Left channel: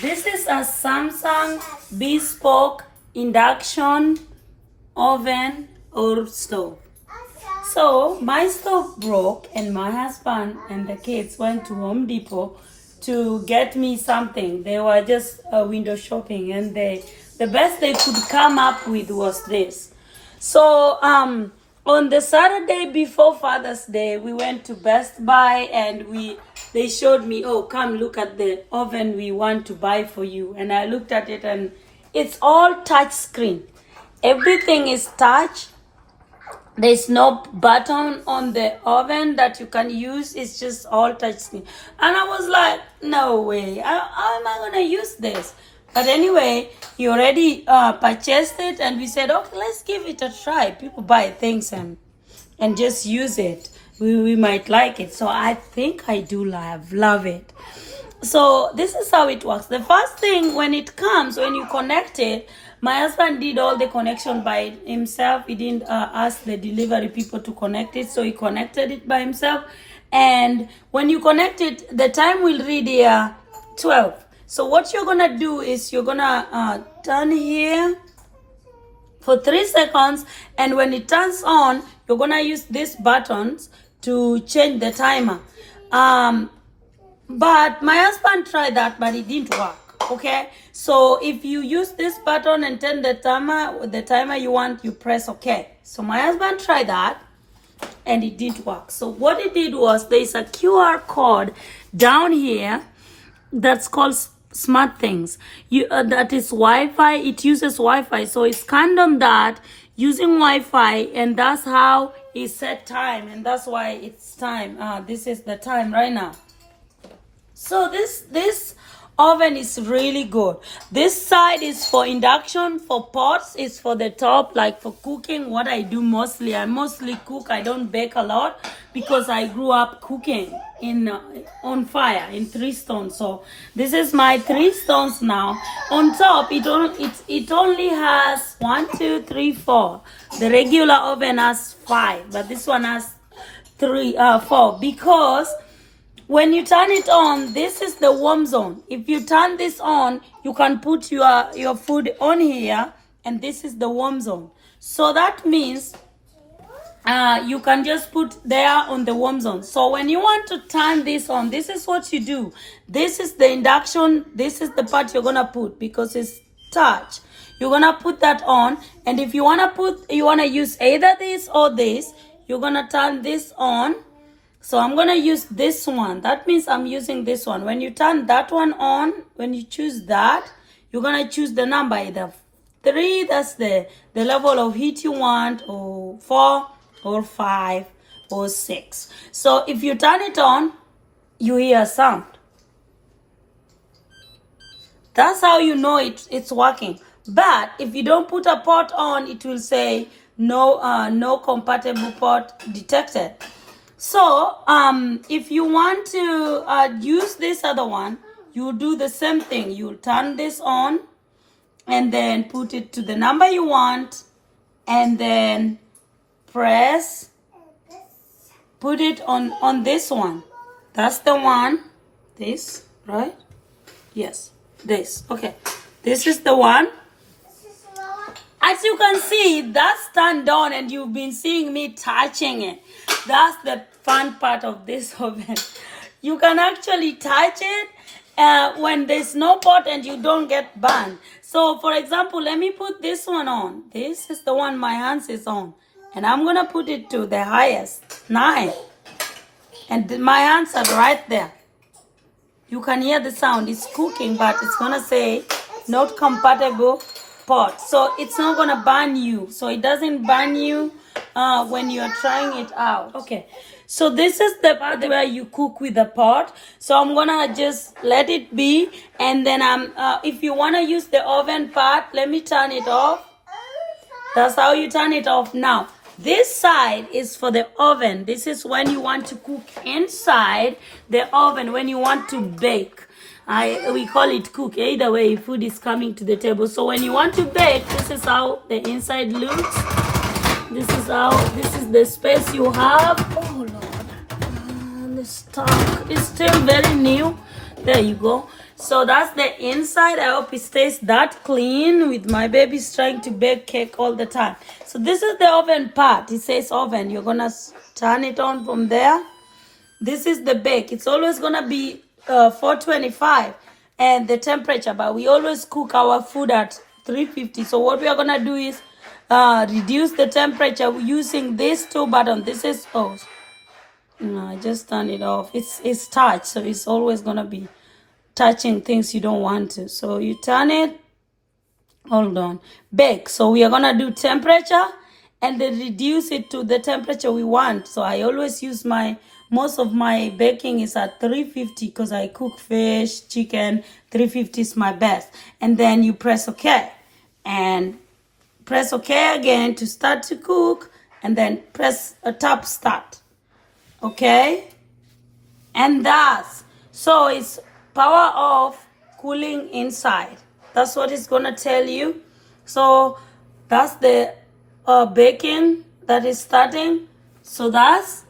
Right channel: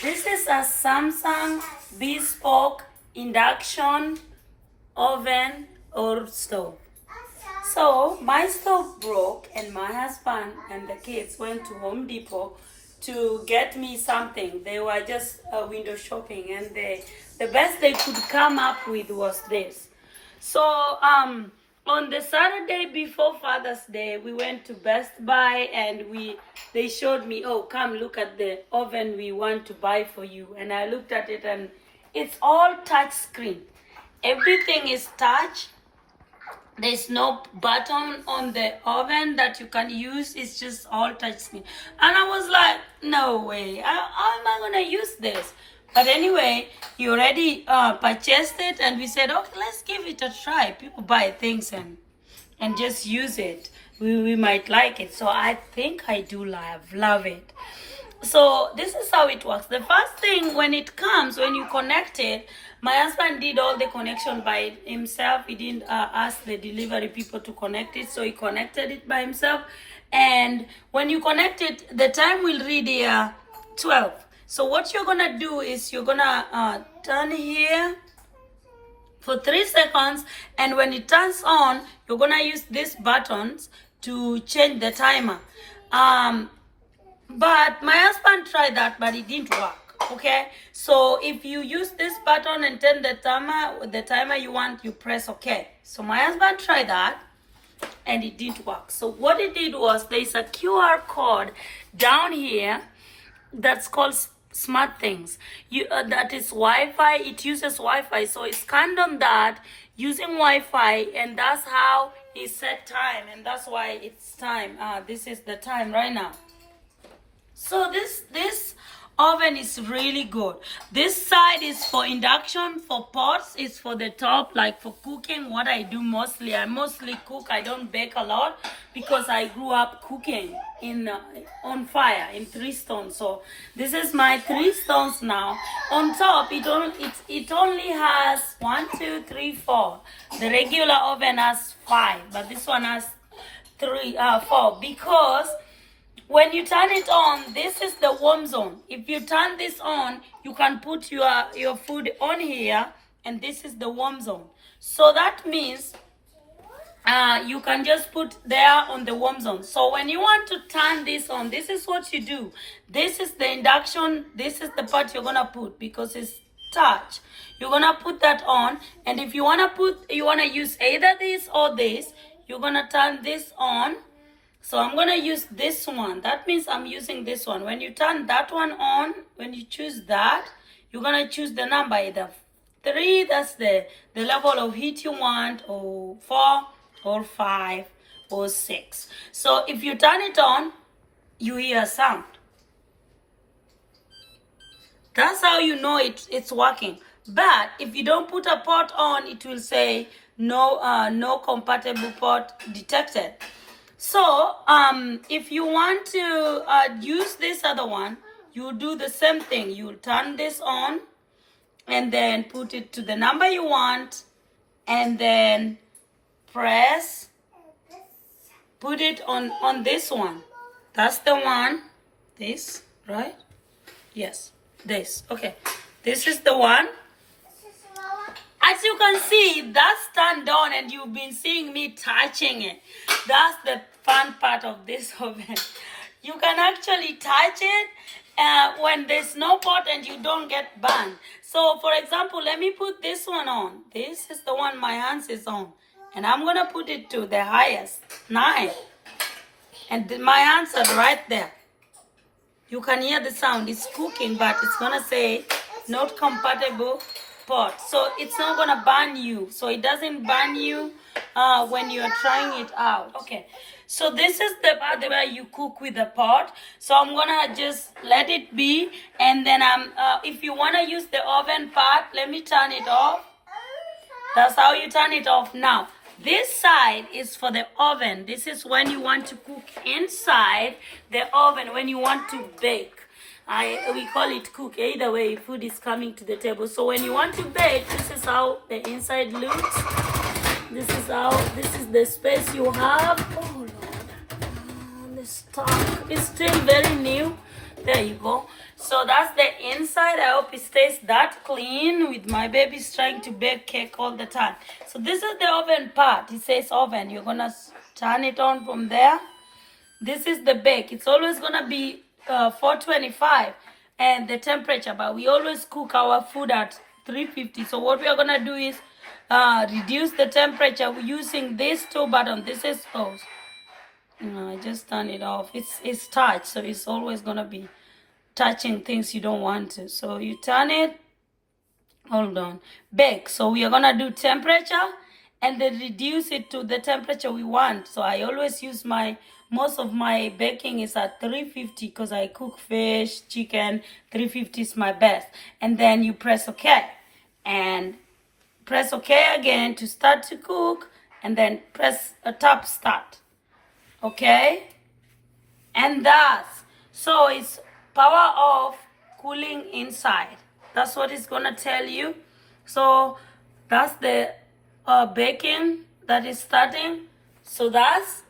This is a Samsung Bespoke induction oven or stove. So my stove broke and my husband and the kids went to Home Depot to get me something. They were just window shopping and the best they could come up with was this. So on the Saturday before Father's Day, we went to Best Buy and they showed me, oh, come look at the oven we want to buy for you. And I looked at it and it's all touch screen. Everything is touch. There's no button on the oven that you can use. It's just all touch screen. And I was like, no way. How am I going to use this? But anyway, he already purchased it and we said, okay, let's give it a try. People buy things and just use it. We might like it. So I think I do love it. So this is how it works. The first thing when it comes, when you connect it, my husband did all the connection by himself. He didn't ask the delivery people to connect it. So he connected it by himself. And when you connect it, the time will read here 12. So what you're going to do is you're going to turn here for 3 seconds. And when it turns on, you're going to use these buttons to change the timer. But my husband tried that, but it didn't work. Okay, so if you use this button and turn the timer you want, you press OK. So my husband tried that and it didn't work. So what it did was there's a QR code down here that's called Smart Things. That is Wi-Fi. It uses Wi-Fi. So it's scanned on that using Wi-Fi, and that's how he set time, and that's why it's time. This is the time right now. So this oven is really good. This side is for induction. For pots, it's for the top, like for cooking. What I do mostly, I mostly cook. I don't bake a lot because I grew up cooking on fire in 3 stones. So this is my 3 stones now. On top, it only has 1, 2, 3, 4. The regular oven has 5, but this one has 4 because when you turn it on, this is the warm zone. If you turn this on, you can put your food on here, and this is the warm zone. So that means you can just put there on the warm zone. So when you want to turn this on, this is what you do. This is the induction. This is the part you're gonna put because it's touch. You're gonna put that on, and if you wanna use either this or this, you're gonna turn this on. So I'm going to use this one. That means I'm using this one. When you turn that one on, when you choose that, you're going to choose the number, either 3, that's the level of heat you want, or 4, or 5, or 6. So if you turn it on, you hear a sound. That's how you know it's working. But if you don't put a pot on, it will say no compatible pot detected. So, if you want to use this other one, you do the same thing. You'll turn this on and then put it to the number you want and then put it on this one. That's the one. This, right? Yes, this. Okay. This is the one. As you can see, that's turned on and you've been seeing me touching it. That's the fun part of this oven. You can actually touch it when there's no pot and you don't get burned. So for example, let me put this one on. This is the one my hands is on. And I'm going to put it to the highest, 9. And my hands are right there. You can hear the sound. It's cooking, but it's going to say not compatible pot. So it's not going to burn you. So it doesn't burn you when you're trying it out. Okay. So this is the part where you cook with the pot. So I'm going to just let it be. And then if you want to use the oven part, let me turn it off. That's how you turn it off now. This side is for the oven. This is when you want to cook inside the oven, when you want to bake. We call it cook. Either way, food is coming to the table. So when you want to bake, this is how the inside looks. This is the space you have. Oh Lord, the stock is still very new. There you go. So that's the inside. I hope it stays that clean with my babies trying to bake cake all the time. So this is the oven part. It says oven. You're gonna turn it on from there. This is the bake. It's always gonna be 425 and the temperature, but we always cook our food at 350. So what we are gonna do is reduce the temperature using this two button. This is no, I just turn it off. It's touch, so it's always gonna be touching things you don't want to. So you turn it, hold on, bake. So we are gonna do temperature and then reduce it to the temperature we want. So I always use most of my baking is at 350 because I cook fish, chicken. 350 is my best. And then you press OK. And press OK again to start to cook. And then press a top start. Okay? And that's, so it's power off, cooling inside. That's what it's gonna tell you. So that's the baking that is starting. So that's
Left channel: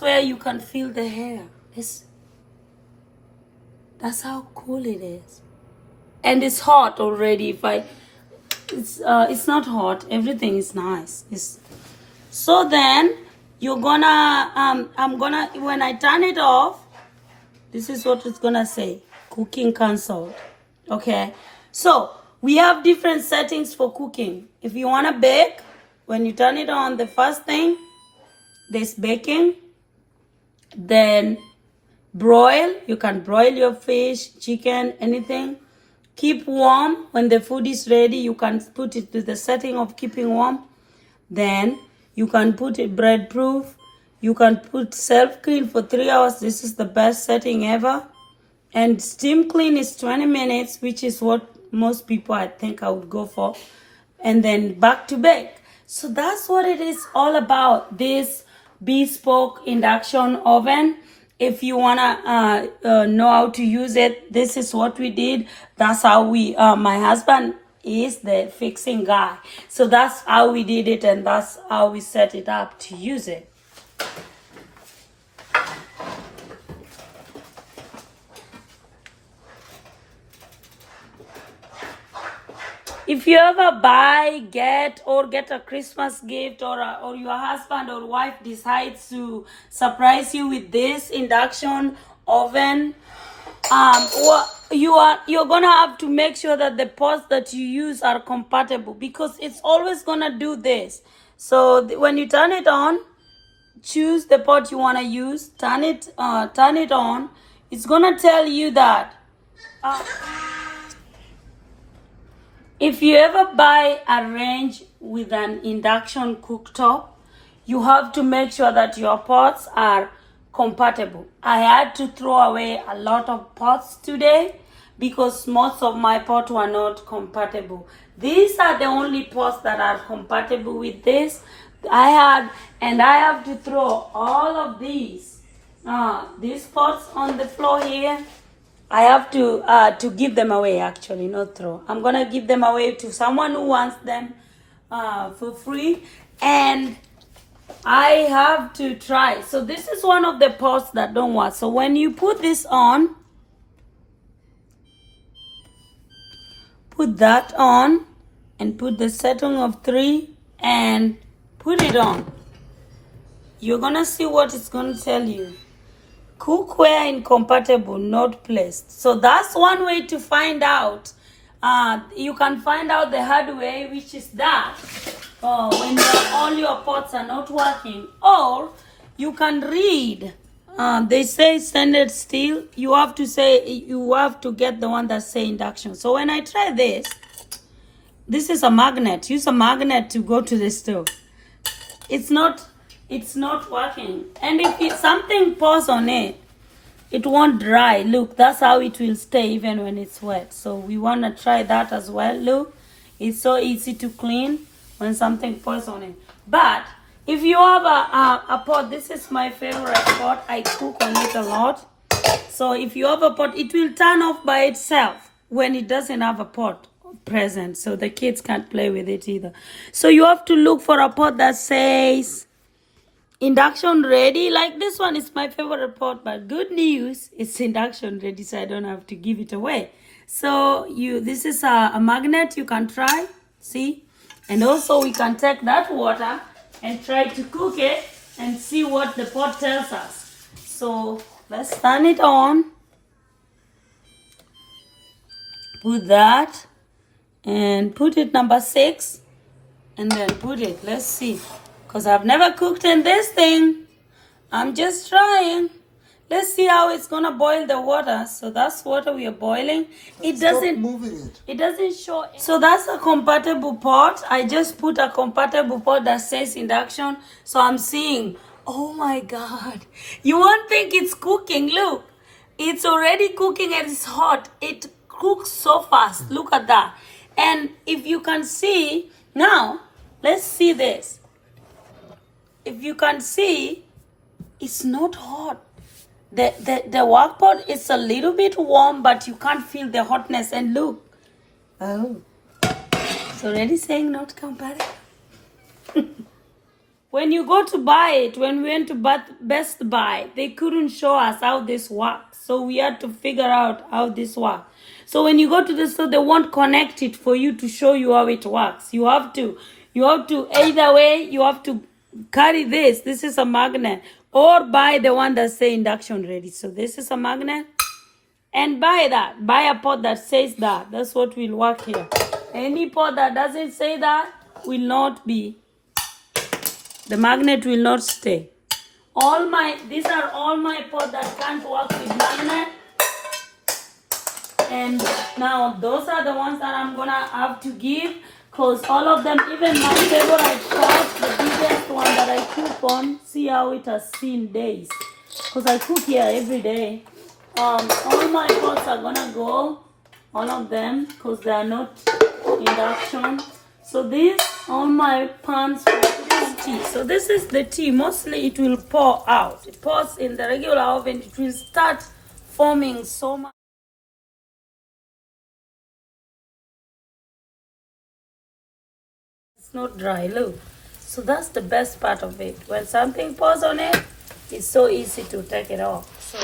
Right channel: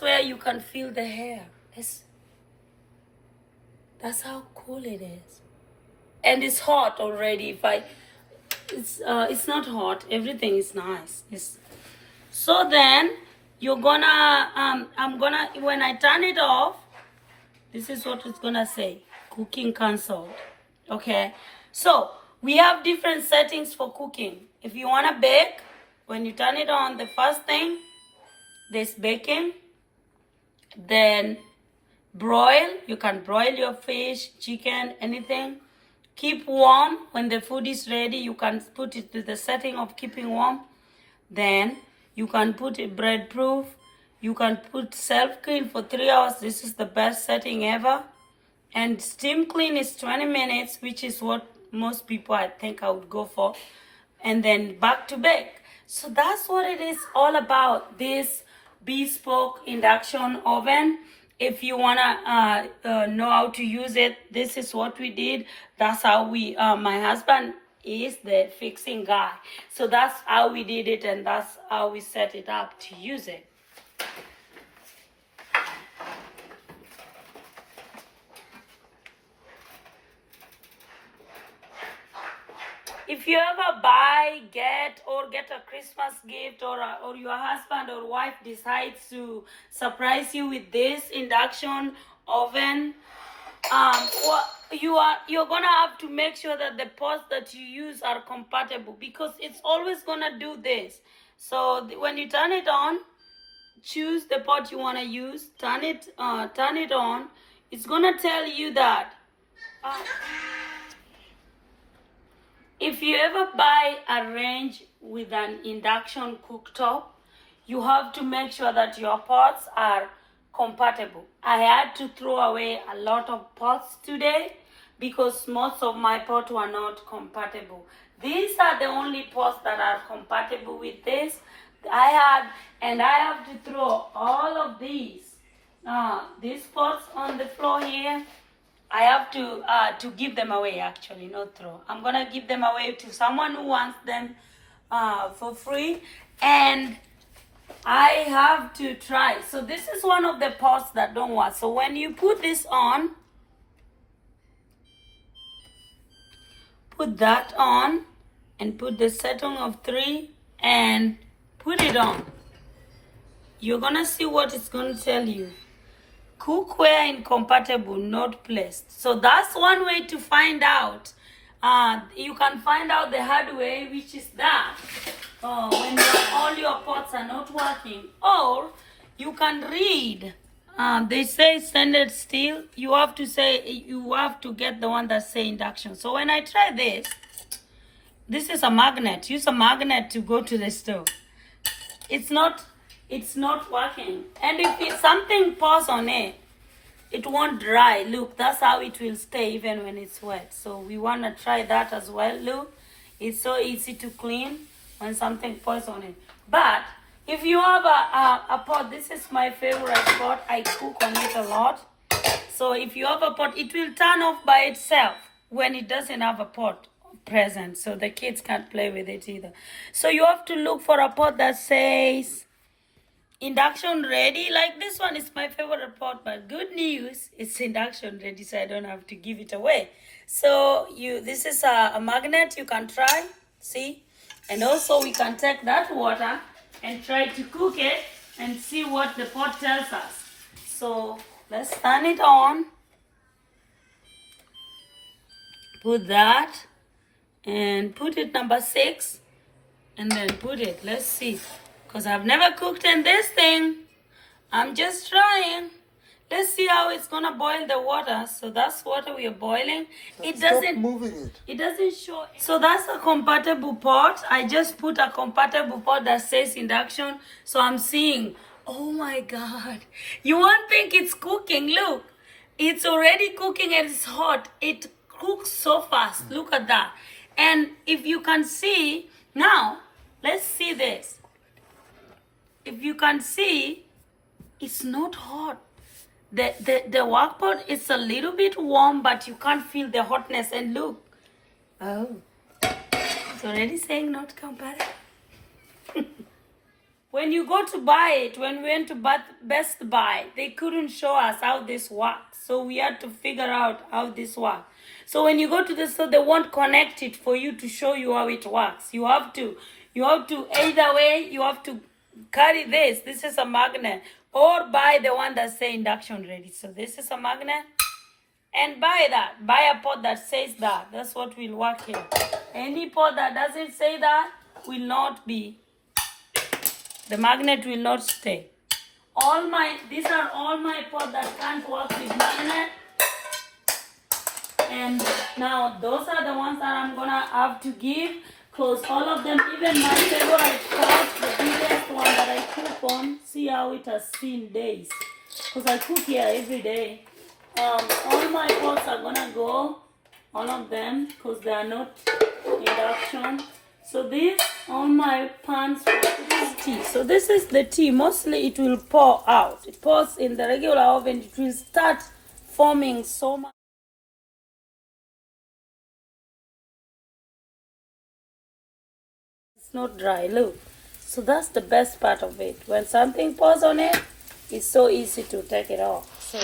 where you can feel the hair. That's how cool it is. And it's hot already. It's not hot. Everything is nice. So then you're gonna when I turn it off, this is what it's gonna say. Cooking cancelled. Okay. So we have different settings for cooking. If you wanna bake, when you turn it on, the first thing, there's baking. Then broil. You can broil your fish, chicken, anything. Keep warm. When the food is ready, you can put it to the setting of keeping warm. Then you can put it bread proof. You can put self clean for 3 hours. This is the best setting ever. And steam clean is 20 minutes, which is what most people I think I would go for. And then back to bake. So that's what it is all about, this Bespoke induction oven. If you wanna know how to use it, this is what we did. That's how we, my husband is the fixing guy. So that's how we did it, and that's how we set it up to use it. If you ever get a Christmas gift, or your husband or wife decides to surprise you with this induction oven, you're gonna have to make sure that the pots that you use are compatible, because it's always gonna do this. So when you turn it on, choose the pot you wanna use, turn it on. It's gonna tell you that. If you ever buy a range with an induction cooktop, you have to make sure that your pots are compatible. I had to throw away a lot of pots today because most of my pots were not compatible. These are the only pots that are compatible with this. I have to throw all of these pots on the floor here. I have to give them away, actually, not throw. I'm going to give them away to someone who wants them for free. And I have to try. So this is one of the pots that don't work. So when you put this on, put that on and put the setting of 3 and put it on. You're going to see what it's going to tell you. Cookware incompatible, not placed. So that's one way to find out. You can find out the hard way, which is that when all your pots are not working. Or you can read. They say stainless steel. You have to get the one that say induction. So when I try this is a magnet. Use a magnet to go to the stove. It's not working. And if something pours on it, it won't dry. Look, that's how it will stay even when it's wet. So we want to try that as well. Look, it's so easy to clean when something pours on it. But if you have a pot, this is my favorite pot. I cook on it a lot. So if you have a pot, it will turn off by itself when it doesn't have a pot present. So the kids can't play with it either. So you have to look for a pot that says induction ready. Like this one is my favorite pot, but good news, it's induction ready, so I don't have to give it away. So this is a magnet you can try, see? And also we can take that water and try to cook it and see what the pot tells us. So let's turn it on. Put that and put it number 6 and then put it. Let's see. Because I've never cooked in this thing. I'm just trying. Let's see how it's gonna boil the water. So that's water we are boiling. It doesn't Stop moving it. It doesn't show. So that's a compatible pot. I just put a compatible pot that says induction. So I'm seeing, oh my God. You won't think it's cooking. Look, it's already cooking and it's hot. It cooks so fast. Look at that. And if you can see, now, let's see this. If you can see, it's not hot. The wok pot is a little bit warm, but you can't feel the hotness. And look, oh, it's already saying not compatible. When you go to buy it, when we went to Best Buy, they couldn't show us how this works. So we had to figure out how this works. So when you go to the store, they won't connect it for you to show you how it works. You have to either way, you have to carry this. This is a magnet. Or buy the one that says induction ready. So this is a magnet. And buy that. Buy a pot that says that. That's what will work here. Any pot that doesn't say that will not be. The magnet will not stay. These are all my pots that can't work with magnet. And now those are the ones that I'm gonna have to give. Because all of them, even my favorite pot, the biggest one that I cook on, see how it has seen days. Because I cook here every day. All my pots are gonna go, all of them, because they are not induction. So these, all my pans for this tea. So this is the tea. Mostly it will pour out. It pours in the regular oven. It will start forming so much. It's not dry, look. So that's the best part of it. When something pours on it, it's so easy to take it off. So